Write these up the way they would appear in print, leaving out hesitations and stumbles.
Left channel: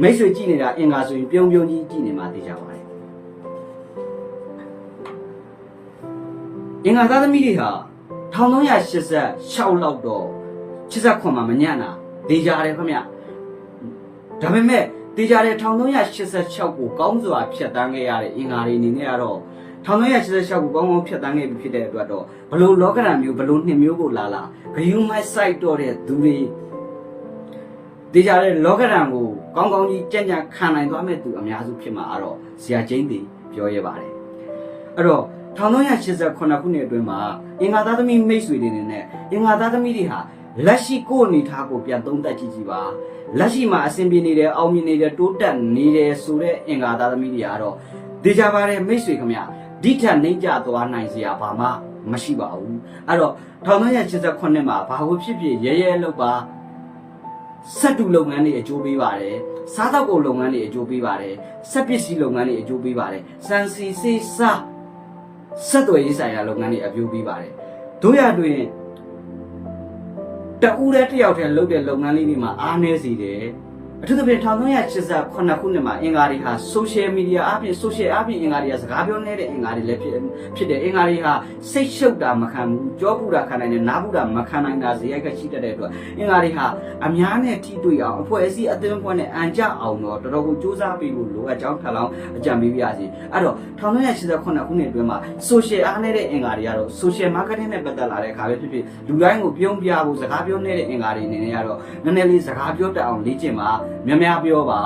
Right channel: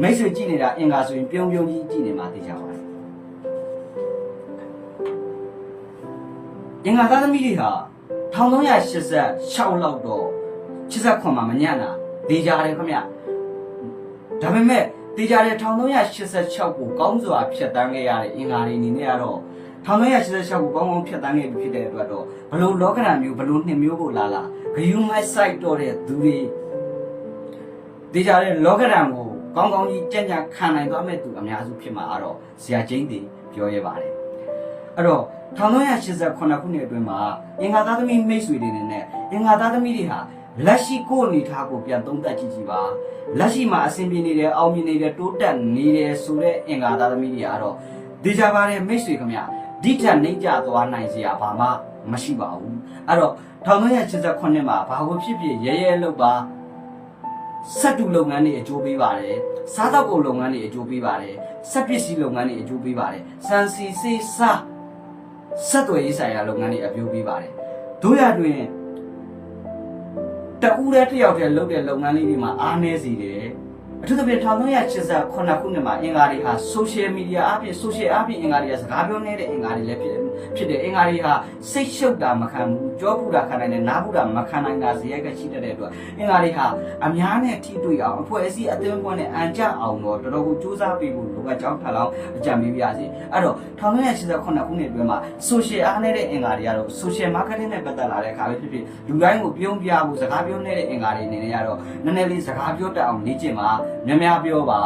မိတ်ဆွေကြည့်နေတာအင်္ဂါဆိုရင်ပြုံးပြုံးကြီးကြည့်နေမှသိကြပါတယ်အင်္ဂါသားသမီးတွေဟာ1386လောက်တော့89မှာမညံ့တာသိကြတယ်ခင်ဗျဒါပေမဲ့သိကြတယ်1386ကိုကောင်းစွာဖြတ်တန်းခဲ့ရတဲ့အင်္ဂါတွေအနေနဲ့ကတော့1386ကိုကောင်းကောင်းဖြတ်တန်းခဲ့ပြီဖြစ်တဲ့အတွက်တော့ဘလို့လောကဓာတ်မျိုးဘလို့နှစ်မျိုးကိုလာဂယုမိုက်ဆိုင်တော့တဲ့သူတွေသိကြတယ်လောကဓာတ်ကိုကောင်းကောင်းကြီးကြံ့ကြံ့ခံနိုင်သွားမဲ့သူအများစုဖြစ်မှာတော့ဇရာချင်းတွေပြောရပါတယ်အဲ့တော့1389ခုနှစ်အတွင်းမှာအင်္ဂါသားသမီးမိတ်ဆွေတွေနဲ့အင်္ဂါသားသမီးတွေဟာလက်ရှိကိုအနေထားကိုပြန်သုံးသပ်ကြည့်ပါလက်ရှိမှာအဆင်ပြေနေတယ်အောင်မြင်နေတယ်တိုးတက်နေတယ်ဆိုတဲ့အင်္ဂါသားသမီးတွေကတော့ဒေကြပါတယ်မိတ်ဆွေခင်ဗျဒီထက်နှိမ့်ကြသွားနိုင်စရာဘာမှမရှိပါဘူးအဲ့တော့1389မှာဘာလို့ဖြစ်ဖြစ်ရဲရဲလောက်ပါစက်တူလုပ်ငန်းတွေအကျိုးပေးပါတယ်စားသောက်ကုန်လုပ်ငန်းတွေအကျိုးပေးပါတယ်စက်ပစ္စည်းလုပ်ငန်းတွေအကျိုးပေးပါတယ်စံစီစေးစားဆက်သွယ်ရေးဆိုင်ရာလုပ်ငန်းတွေအကျိုးပေးပါတယ်တို့ရတွင်တဦးတည်းတယောက်တည်းလုပ်တဲ့လုပ်ငန်းလေးတွေမှာအားနည်းစေတယ်အထူးသဖြင့်1389ခုနှစ်မှာအင်္ဂါတွေဟာ social media အပြင် social အပြင်အင်္ဂါတွေကစကားပြောနေတဲ့အင်္ဂါတွေလည်းဖြစ်တယ်အင်္ဂါတွေဟာစိတ်ရှုပ်တာမခံဘူးကြောပူတာခံနိုင်တယ်နားပူတာမခံနိုင်တာဇယိုက်ကရှိတတ်တဲ့အတွက်အင်္ဂါတွေဟာအများနဲ့ထိတွေ့အောင်အဖွဲ့အစည်းအသင်းအဖွဲ့နဲ့အန်ကြအောင်တော့တော်တော်ကိုစူးစမ်းပေးဖို့လိုအပ်ကြောင်းထပ်လောင်းအကြံပေးပါရစေအဲ့တော့1389ခုနှစ်အတွင်းမှာ social အားနည်းတဲ့အင်္ဂါတွေကတော့ social marketing နဲ့ပတ်သက်လာတဲ့အခါပဲဖြစ်ဖြစ်လူတိုင်းကိုပြုံးပြဖို့စကားပြောနေတဲ့အင်္ဂါတွေအနေနဲ့ကတော့နည်းနည်းလေးစကားပြောတတ်အောင်လေ့ကျင့်ပါများများပြောပ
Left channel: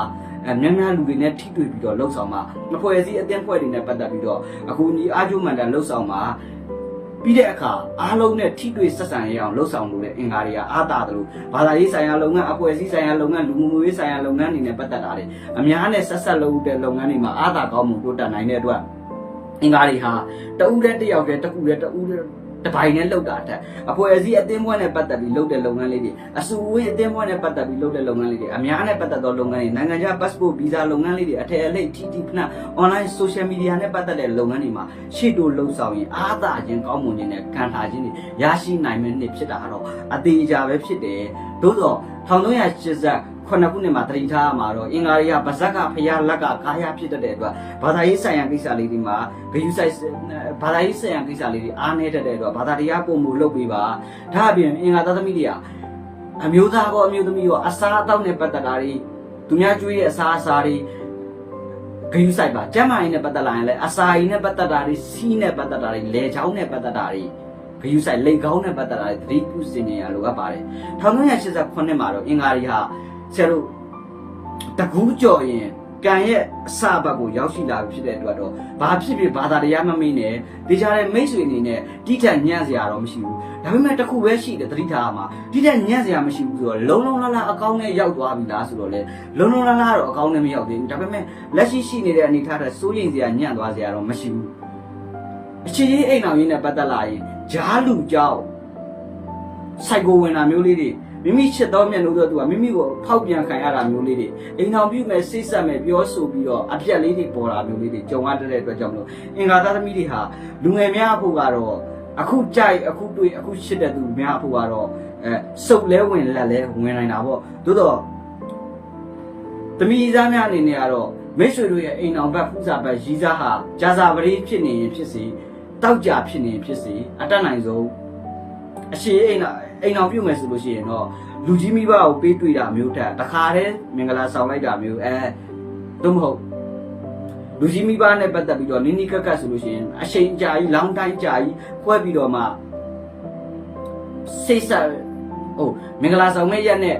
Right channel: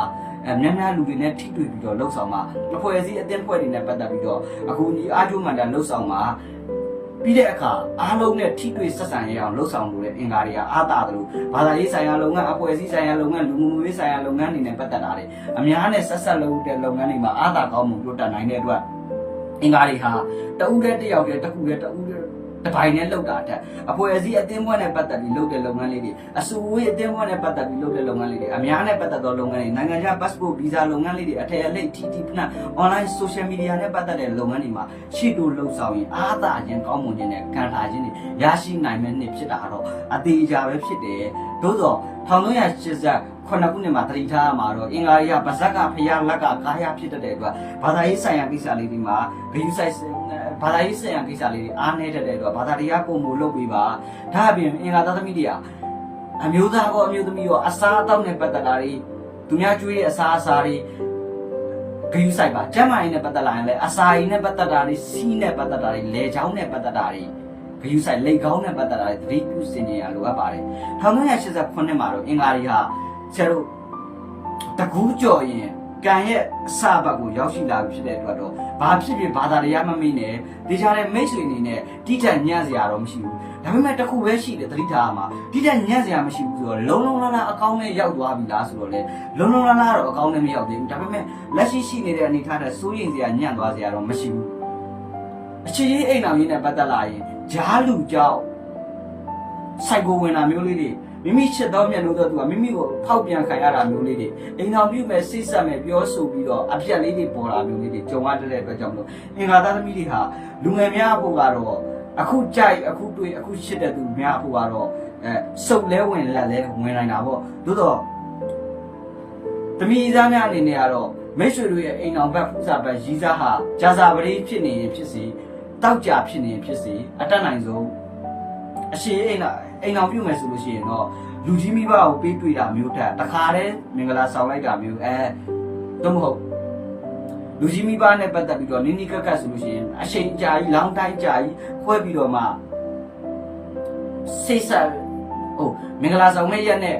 ါများများလူတွေနဲ့ထိတွေ့ပြီးတော့လှုပ်ဆောင်ပါအဖွဲ့အစည်းအသင်းဖွဲ့တွေနဲ့ပတ်သက်ပြီးတော့အခုညီအားကျိုးမှန်တာလှုပ်ဆောင်ပါပြီးတဲ့အခါအားလုံးနဲ့ထိတွေ့ဆက်ဆံရအောင်လှုပ်ဆောင်လို့တဲ့အင်္ဂါတွေကအားတာတယ်လို့ဘာသာရေးဆိုင်ရာလုပ်ငန်းအဖွဲ့အစည်းဆိုင်ရာလုပ်ငန်းလူမှုရေးဆိုင်ရာလုပ်ငန်းတွေနဲ့ပတ်သက်တာတွေအများနဲ့ဆက်ဆက်လုပ်တဲ့လုပ်ငန်းတွေမှာအားတာကောင်းမှုတိုးတက်နိုင်တဲ့အတွက်အင်္ဂါတွေဟာတဦးတည်းတယောက်တည်းတစ်ခုတည်းတဦးတည်းတပိုင်းနဲ့လောက်တာတဲ့အဖွဲ့အစည်းအသင်းဖွဲ့နဲ့ပတ်သက်ပြီးလုပ်တဲ့လုပ်ငန်းလေးတွေအစုအဝေးအသင်းဖွဲ့နဲ့ပတ်သက်ပြီးလုပ်တဲ့လုပ်ငန်းလေးတွေအများနဲ့ပတ်သက်သောလုပ်ငန်းတွေနိုင်ငံခြား passport visa လုပ်ငန်းလေးတွေအထည်အလိပ် TT ဖနာ online social media နဲ့ပတ်သက်တဲ့လုပ်ငန်းတွေမှာရှေ့တိုးလှုပ်ဆောင်ရင်အားသာခြင်းကောင်းမွန်ခြင်းနဲ့ခံထားခြင်းတွေရရှိနိုင်မယ့်နှစ်ဖြစ်တာတော့အသေးအချာပဲဖြစ်တယ်သို့သော1389ခုနှစ်မှာတတိထားမှာတော့အင်္ဂါရီကဗဇက်ကဖျားလက်ကကာယဖြစ်တဲ့အတွက်ဘာသာရေးဆိုင်ရာကိစ္စလေးတွေမှာဂယုဆိုင်ဘာသာရေးဆိုင်ရာကိစ္စလေးတွေအားနည်းတဲ့အတွက်ဘာသာတရားပုံမှုလုပ်ပေးပါဒါအပြင်အင်္ဂါသားသမီးတွေကအမျိုးသားကောအမျိုးသမီးကောအစားအသောက်နဲ့ပတ်သက်တာတွေသူများကျွေးရဲ့အစားအစာတွေဂယုဆိုင်ပါကျမ်းမာရေးနဲ့ပတ်သက်လာရင်လည်းအစာရည်နဲ့ပတ်သက်တာတွေစီးနဲ့ပတ်သက်တာတွေလေချောင်းနဲ့ပတ်သက်တာတွေဂယုဆိုင်လေကောင်းနဲ့ပတ်သက်တာတွေသတိပြုစင်ကြရလိုအပ်ပါတယ်1389မှာတော့အင်္ဂါရီဟာဆရာတို့တကူးကြော်ရင်ကံရဲ့အစဘက်ကိုရောက်ရှိလာပြီဖြစ်တဲ့အတွက်တော့ဘာဖြစ်ဖြစ်ဘာသာတရားမမေ့နဲ့ဒေကြတဲ့မိတ်ဆွေအနေနဲ့တိထက်ညံ့စရာတော့မရှိဘူးဒါပေမဲ့တစ်ခုပဲရှိတယ်သတိထားမှာတိထက်ညံ့စရာမရှိဘူးဆိုတော့လုံးလုံးလားလားအကောင်းနဲ့ရောက်သွားပြီလားဆိုတော့လေလုံးလုံးလားလားတော့အကောင်းနဲ့မရောက်သေးဘူးဒါပေမဲ့လက်ရှိနေတဲ့အနေထားတဲ့စိုးရိမ်စရာညံ့သွားစရာတော့မရှိဘူးအခြေရေးအိမ်အောင်ရေးနဲ့ပတ်သက်လာရင်ဂျားလူကြောက်စိုက်ကိုဝင်တာမျိုးလေးတွေမိမိချစ်တော်မြတ်လို့တော့သူကမိမိကိုဖောက်ပြန်ခံရတာမျိုးလေးတွေအိမ်အောင်ပြုမဲ့စိတ်ဆက်မဲ့ပြောဆိုပြီးတော့အပြက်လေးတွေပေါ်တာမျိုးလေးတွေကြုံရတဲ့အတွက်ကြောင့်မလို့အင်္ဂါသားသမီးတွေဟာလူငယ်များအဖို့ကတော့အခုကြိုက်အခုတွေ့အခုချစ်တဲ့သူများအဖို့ကတော့စုပ်လဲဝင်လက်လဲဝင်နိုင်တာပေါ့သို့တော့သမီးသားများအနေနဲ့ကတော့မိတ်ဆွေတို့ရဲ့အိမ်အောင်ဘက်ဖူးစာဘက်ရီးစားဟာကြာစာပရိဖြစ်နေရင်ဖြစ်စေတောက်ကြဖြစ်နေရင်ဖြစ်စေအတတ်နိုင်ဆုံးအရှိအိမ်အောင်ပြုတ်မယ်ဆိုလို့ရှိရင်တော့လူကြီးမိဘကိုပေးတွေ့တာမျိုးထက်တခါတည်းမင်္ဂလာဆောင်လိုက်တာမျိုးတော့မဟုတ်လူကြီးမိဘနဲ့ပတ်သက်ပြီးတော့နင်းနီးကက်ကတ်ဆိုလို့ရှိရင်အချိန်ကြာကြီးလောင်းတိုင်းကြာကြီးခွဲပြီးတော့မှစိတ်ဆက်မင်္ဂလာဆောင်မဲ့ရက်နဲ့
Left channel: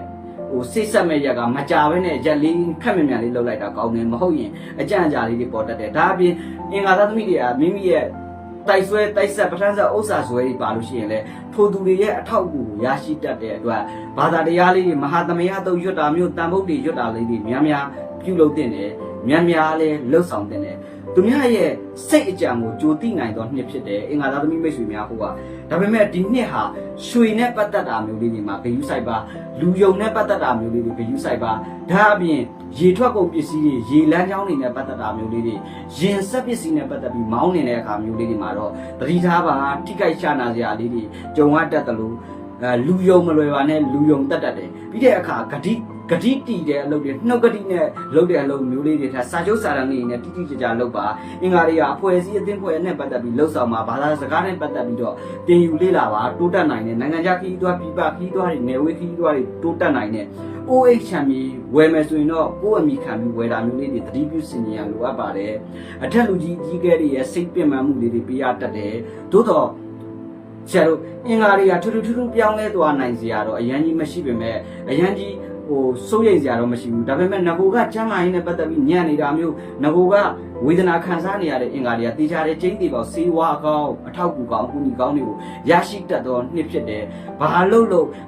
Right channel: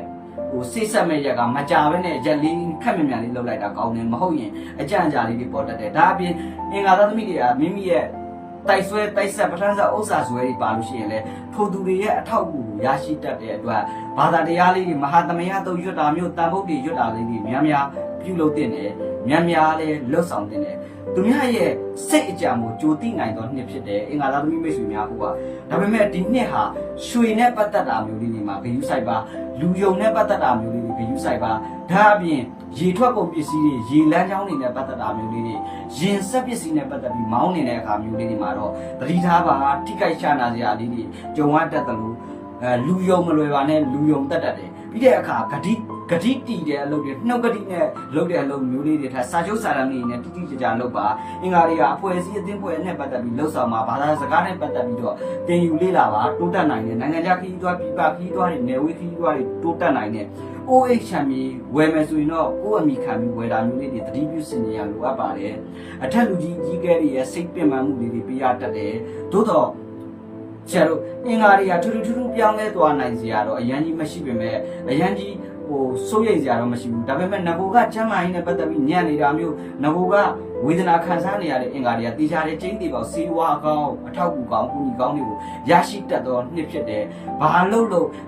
စိတ်ဆက်မဲ့ရက်ကမကြဘဲနဲ့ရက်လေးခက်မြန်မြန်လေးလှုပ်လိုက်တာကောင်းတယ်မဟုတ်ရင်အကြံကြာလေးတွေပေါ်တတ်တယ်ဒါအပြင်အင်္ဂါသားသမီးတွေကမိမိရဲ့တိုက်ဆွဲတိုက်ဆက်ပဋ္ဌာန်းစာဥစ္စာဆွဲတွေပါလို့ရှိရင်လည်းထိုသူတွေရဲ့အထောက်အကူကိုရရှိတတ်တဲ့အတွက်ဘာသာတရားလေးတွေမဟာသမယတုတ်ရွတ်တာမျိုးတန်ဖို့တွေရွတ်တာလေးတွေများများပြုလုပ်တင်တယ်များများလည်းလှုပ်ဆောင်တင်တယ်သူများရဲ့စိတ်အကြံကိုကြိုသိနိုင်သောနှစ်ဖြစ်တယ်အင်္ဂါသားသမီးမိတ်ဆွေများဟုတ်ကဒါပေမဲ့ဒီနှစ်ဟာရွှေနဲ့ပတ်သက်တာမျိုးလေးတွေမှာဂယုစိုက်ပါလူယုံနဲ့ပတ်သက်တာမျိုးလေးတွေဂယုစိုက်ပါဒါအပြင်ရေထွက်ကုန်ပစ္စည်းတွေရေလမ်းကြောင်းတွေနဲ့ပတ်သက်တာမျိုးလေးတွေရင်ဆက်ပစ္စည်းနဲ့ပတ်သက်ပြီးမောင်းနေတဲ့အခါမျိုးလေးတွေမှာတော့သတိထားပါထိခိုက်ရှာနာစရာလေးတွေကြုံရတတ်တယ်လို့လူယုံမလွယ်ပါနဲ့လူယုံတတ်တယ်ပြီးတဲ့အခါဂတိ ဂတိတီတဲ့အလုပ်တွေနှုတ်ဂတိနဲ့လုပ်တဲ့အလုပ်မျိုးလေးတွေထားစာချုပ်စာတမ်းလေးနဲ့တိတိကျကျလုပ်ပါအင်္ဂါတွေကအဖွဲ့အစည်းအသင်းဖွဲ့နဲ့ပတ်သက်ပြီးလှုပ်ဆောင်ပါဘာသာစကားနဲ့ပတ်သက်ပြီးတော့တင်ယူလေ့လာပါတိုးတက်နိုင်တဲ့နိုင်ငံခြားခီးသွားပြည်ပခီးသွားတွေနယ်ဝေးခီးသွားတွေတိုးတက်နိုင်တဲ့ OH ချမ်းပြီးဝယ်မယ်ဆိုရင်တော့ကိုယ့်အမိခံပြီးဝယ်တာမျိုးလေးတွေသတိပြုစင်ကြရလိုအပ်ပါတယ်အထက်လူကြီးကြီးကဲတွေရဲ့စိတ်ပင်ပန်းမှုလေးတွေပြရတတ်တယ်သို့တော့ဆရာတို့အင်္ဂါတွေကထူးထူးပြောင်းလဲသွားနိုင်စရာတော့အရန်ကြီးမရှိပေမဲ့အရန်ကြီးစိုးရိမ်စရာတော့မရှိဘူးဒါပေမဲ့ငကိုကချမ်းမာရေးနဲ့ပတ်သက်ပြီးညံ့နေတာမျိုးငကိုကဝေဒနာခံစားနေရတဲ့အင်္ဂါတွေကတေချာတဲ့ကျင်းသေးပေါ့စေဝါကောင်းအထောက်ကူကောင်းအကူညီကောင်းတွေကိုရရှိတတ်သောနှစ်ဖြစ်တယ်ဘာလို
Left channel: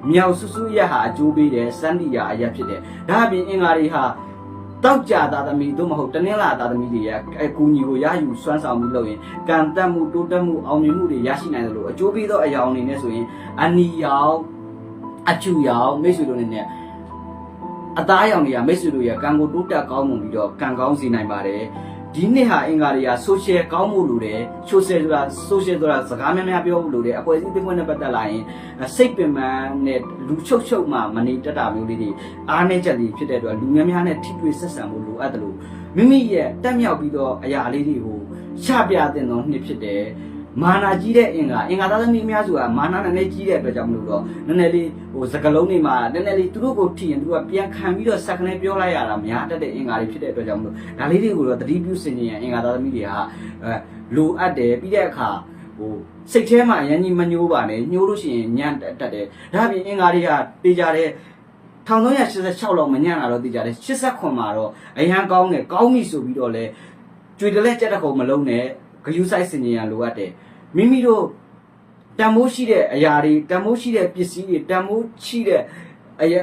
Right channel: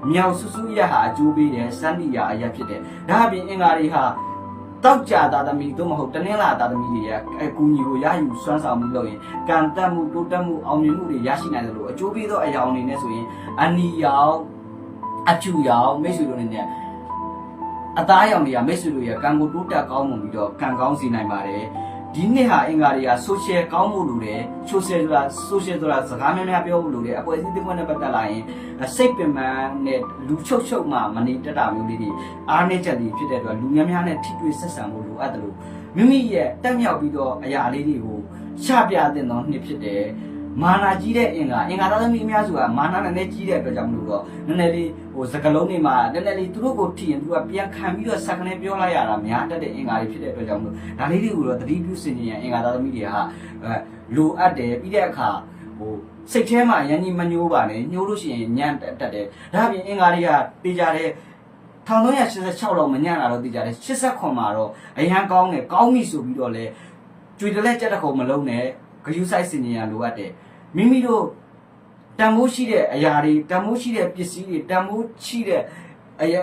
့မြောက်ဆူဆူရဟာအကျိုးပေးတယ်စန္ဒီယာအရာဖြစ်တယ်ဒါအပြင်အင်္ဂါတွေဟာတောက်ကြတာသမီးတို့မဟုတ်တနင်္လာသားသမီးတွေရဲ့အကူအညီကိုရယူစွမ်းဆောင်မှုလုပ်ရင်ကံတက်မှုတိုးတက်မှုအောင်မြင်မှုတွေရရှိနိုင်တယ်လို့အကျိုးပေးသောအရာအနေနဲ့ဆိုရင်အနီရောင်အချူရောင်မိတ်ဆွေတို့နဲ့အသားရောင်တွေကမိတ်ဆွေတို့ရဲ့ကံကိုတိုးတက်ကောင်းမှုပြီးတော့ကံကောင်းစေနိုင်ပါတယ်ဒီနှစ်ဟာအင်္ဂါတွေက social ကောင်းမှုလို့တယ် social ဆိုတာစကားများများပြောဖို့လို့တယ်အဖွဲ့အစည်းတစ်ခုနဲ့ပတ်သက်လာရင်စိတ်ပင်ပန်းနဲ့လူချုပ်မှမနေတတ်တာမျိုးလေးတွေအားနည်းချက်တွေဖြစ်တဲ့အတွက်လူများများနဲ့ထိတွေ့ဆက်ဆံမှုလိုအပ်တယ်လို့မိမိရဲ့တက်မြောက်ပြီးတော့အရာလေးတွေကိုချပြတဲ့သောနှစ်ဖြစ်တယ်မာနာကြီးတဲ့အင်္ဂါသားသမီးအများစုကမာနာနဲ့ကြီးတဲ့အတွက်ကြောင့်မလို့တော့နည်းနည်းလေးစကလုံးတွေမှာနည်းနည်းလေးသူတို့ကိုထိရင်သူကပြန်ခံပြီးတော့စက်ကနေပြောလိုက်ရတာများတတ်တဲ့အင်္ဂါတွေဖြစ်တဲ့အတွက်ကြောင့်မလို့ဒါလေးတွေကိုတော့သတိပြုစင်ရင်အင်္ဂါသားသမီးတွေဟာလိုအပ်တယ်ပြီးတဲ့အခါစိတ်ထဲမှာရန်ကြီးမညှိုးပါနဲ့ညှိုးလို့ရှိရင်ညံ့တတ်တယ်ဒါအပြင်အင်္ဂါတွေကပေးကြတဲ့1386လောက်မညံ့တာတော့သိကြတယ်89မှာတော့အရန်ကောင်းတယ်ကောင်းပြီဆိုပြီးတော့လဲကြွေတလဲကြက်တခုံမလုံးနဲ့ဂယူးဆိုင်စင်ရင်ရလိုအပ်တယ်မိမိတို့တန်မိုးရှိတဲ့အရာတွေတန်မိုးရှိတဲ့ပစ္စည်းတွေတန်မိုးရှိတဲ့အရာ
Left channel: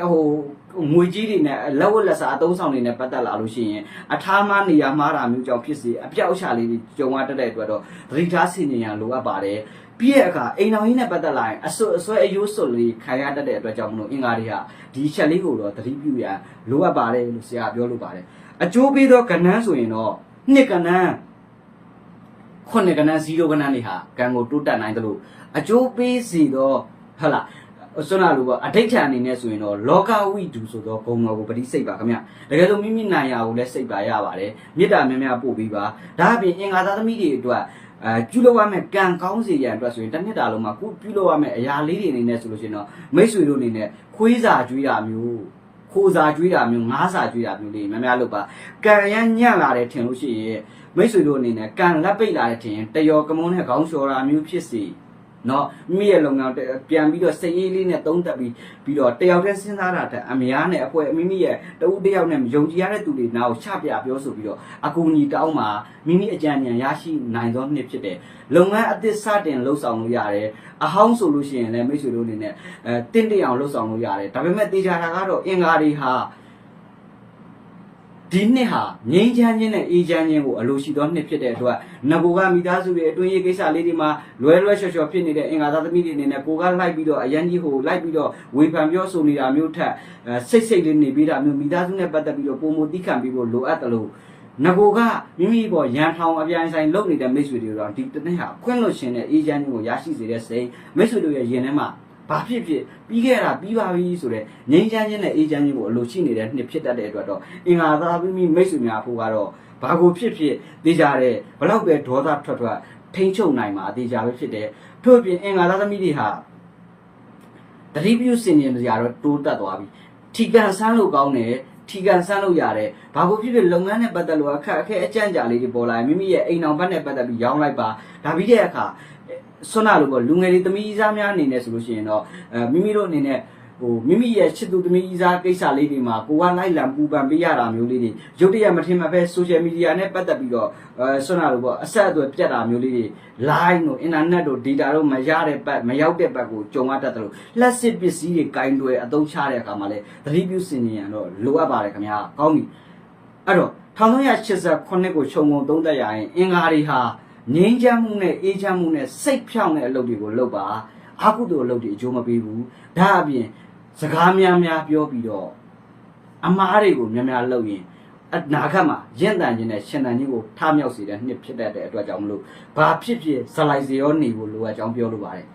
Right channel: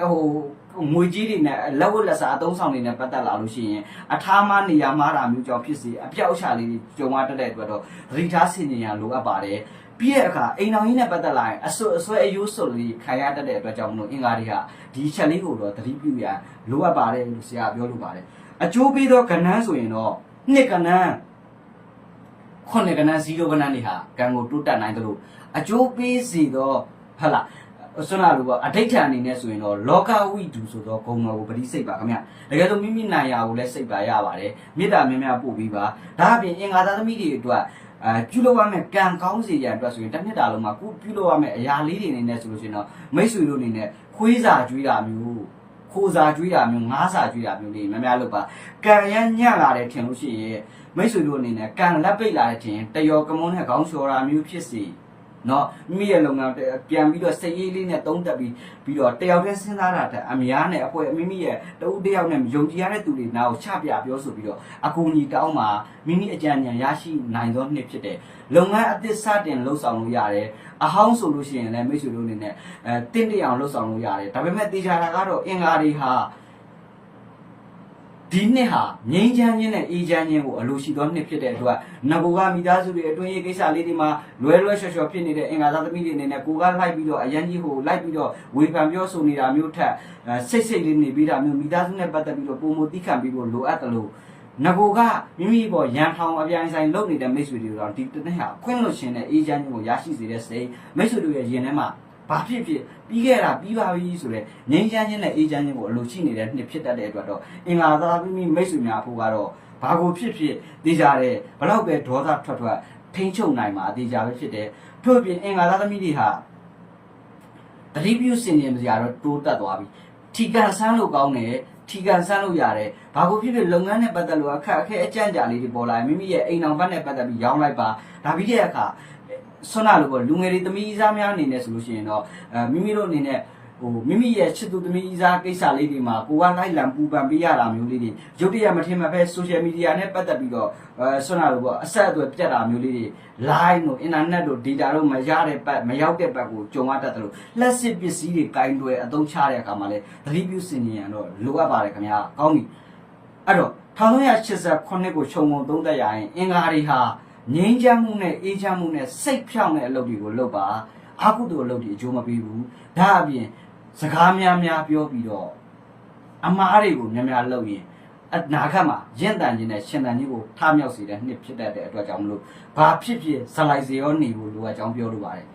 ငွေကြီးတွေနဲ့လက်ဝတ်လက်စားအသုံးဆောင်တွေနဲ့ပတ်သက်လာလို့ရှိရင်အထားမနေရာမှားတာမျိုးကြောင့်ဖြစ်စေအပြောက်အချလေးတွေကြုံရတတ်တဲ့အတွက်တော့သတိထားဆင်ခြင်ရလိုအပ်ပါတယ်ပြီးရဲ့အခါအိမ်တော်ကြီးနဲ့ပတ်သက်လာရင်အဆွဲအယိုးစွတ်လေးခံရတတ်တဲ့အတွက်ကြောင့်မလို့အင်္ဂါတွေကဒီချက်လေးကိုတော့သတိပြုရန်လိုအပ်ပါတယ်လို့ဆရာပြောလို့ပါတယ်အကျိုးပေးသောကဏ္ဍဆိုရင်တော့နှစ်ကဏ္ဍခုနှစ်ကဏ္ဍ0ကဏ္ဍတွေဟာကံကိုတိုးတက်နိုင်တယ်လို့အကျိုးပေးစီတော့ဟုတ်လားဆွမ်းနာလို့ပေါ့အဋိဋ္ဌာန်အနေနဲ့ဆိုရင်တော့လောကဝိတုဆိုတော့ဂုံတော်ကိုပဋိစိတ်ပါခင်ဗျတကယ်လို့မိမိနိုင်ရာကိုလည်းစိတ်ပါရပါတယ်မေတ္တာများများပို့ပြီးပါဒါအပြင်အင်္ဂါသားသမီးတွေအတွက်ပြုလုပ်ရမယ့်ကံကောင်းစေရန်အတွက်ဆိုရင်တစ်နှစ်တာလုံးမှာပြုလုပ်ရမယ့်အရာလေးတွေအနေနဲ့ဆိုလို့ရှိရင်တော့မိတ်ဆွေတို့အနေနဲ့ခွေးစာကျွေးတာမျိုးခိုးစာကျွေးတာမျိုးငားစာကျွေးတာမျိုးလေးများများလုပ်ပါကံရမ်းညံ့လာတယ်ထင်လို့ရှိရင်မိတ်ဆွေတို့အနေနဲ့ကံလက်ပိတ်လာတဲ့ထင်တယောကမုန်းနဲ့ခေါင်းလျှော်တာမျိုးဖြစ်စီနော်မိမိရဲ့လုပ်ငန်းပြန်ပြီးတော့စိတ်အေးလေးနဲ့သုံးသပ်ပြီးတော့တယောက်တည်းစဉ်းစားတာတဲ့အများနဲ့အဖွဲ့မိမိရဲ့တဦးတယောက်နဲ့ယုံကြည်ရတဲ့သူတွေနားကိုချပြပြောဆိုပြီးတော့အကူအညီတောင်းမှာမိမိအကြံဉာဏ်ရရှိနိုင်သောနှစ်ဖြစ်တယ်လုပ်ငန်းအသစ်စတင်လှုပ်ဆောင်လို့ရတယ်အဟောင်းဆိုလို့ရှိရင်လည်းမိတ်ဆွေတို့အနေနဲ့တင့်တအောင်လှုပ်ဆောင်လို့ရတယ်ဒါပေမဲ့တေချာတာကတော့အင်္ဂါတွေဟာဒီနှစ်ဟာငြိမ်းချမ်းခြင်းနဲ့အေးချမ်းခြင်းကိုအလိုရှိသောနှစ်ဖြစ်တဲ့အတွက်ငကိုကမိသားစုရဲ့အတွင်းရေးကိစ္စလေးတွေမှာလွဲလျှော်လျှော်ဖြစ်နေတဲ့အင်္ဂါသားသမီးတွေအနေနဲ့ကိုကလိုက်ပြီးတော့အရန်ကြီးဟိုလိုက်ပြီးတော့ဝေဖန်ပြောဆိုနေတာမျိုးထက်စိတ်လေးနေပြီးတာမျိုးမိသားစုနဲ့ပတ်သက်ပြီးတော့ပုံမသိခံပြီးဖို့လိုအပ်တယ်လို့ငကိုကမိမိပေါ်ရန်ထောင်အပြိုင်ဆိုင်လုပ်နေတဲ့မိတ်ဆွေတွေတော့ဒီတစ်နှစ်ဟာခွင့်လွှတ်ခြင်းနဲ့အေးချမ်းခြင်းကိုရရှိစေတဲ့စိတ်မိတ်ဆွေတို့ရဲ့ရင်ထဲမှာဘာဖြစ်ပြီးခဲ့တာပြီးပါပြီဆိုတဲ့ငြိမ်းချမ်းခြင်းနဲ့အေးချမ်းခြင်းကိုအလိုရှိနေတဲ့နှစ်ဖြစ်တတ်တဲ့အတွက်တော့အင်္ဂါသားမိမိမိတ်ဆွေများဖို့ကတော့ဘာကိုဖြစ်သိကြတဲ့ဘလောက်ပဲဒေါသထွက်ထိန်းချုပ်နိုင်မှာအသေးကြပဲဖြစ်တယ်ထို့အပြင်အင်္ဂါသားသမီးတွေဟာတတိပြုစင်ရင်ကြတော့တိုးတက်သွားပြီထီကန်ဆန်းလို့ကောင်းတယ်ထီကန်ဆန်းလို့ရတယ်ဘာကိုဖြစ်လုပ်ငန်းနဲ့ပတ်သက်လို့အခက်အခဲအကြံကြာလေးတွေပေါ်လာရင်မိမိရဲ့အိမ်အောင်ဘက်နဲ့ပတ်သက်ပြီးရောင်းလိုက်ပါဒါပြီးတဲ့အခါဆွမ်းနာလို့ပေါ့လူငယ်တွေသမီးစားများအနေနဲ့ဆိုလို့ရှိရင်တော့မိမိတို့အနေနဲ့မိမိရဲ့ချစ်သူသမီးစားကိစ္စလေးတွေမှာကိုကလိုက်လံပူပန်ပေးရတာမျိုးလေးတွေရုပ်တရက်မထင်မှပဲ social media နဲ့ပတ်သက်ပြီးတော့ဆွမ်းနာလို့ပေါ့အဆက်အသွယ်ပြတ်တာမျိုးလေးတွေ line တို့ internet တို့ data တို့မရတဲ့ဘက်မရောက်တဲ့ဘက်ကိုကြုံရတတ်တယ်လို့လက်စစ်ပစ္စည်းတွေကင်တွယ်အသုံးချတဲ့အခါမှာလဲသတိပြုစင်ရင်တော့လိုအပ်ပါတယ်ခင်ဗျာကောင်းပြီအဲ့တော့1389ကိုခြုံငုံသုံးသပ်ရရင်အင်္ဂါတွေဟာငြိမ်းချမ်းမှုနဲ့အေးချမ်းမှုနဲ့စိတ်ဖြောင့်တဲ့အလုပ်တွေကိုလုပ်ပါအာကုသိုလ်အလုပ်တွေအကျိုးမပေးဘူးဒါအပြင်စကားများများပြောပြီးတော့အမားတွေကိုများများလုပ်ရင်အနာဂတ်မှာရင့်တန်ခြင်းနဲ့ရှင်တန်ခြင်းကိုထမြောက်စေတဲ့နှစ်ဖြစ်တတ်တဲ့အတွက်ကြောင့်မလို့ဘာဖြစ်ဇလိုက်စေရောနေဖို့လိုအပ်ကြောင်းပြောလိုပါတယ်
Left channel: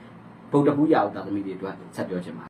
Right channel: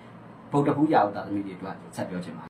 ဗုဒ္ဓဘုရားဥဒ္ဒသမီးတွေအတွက်ဆက်ပြောချင်ပါ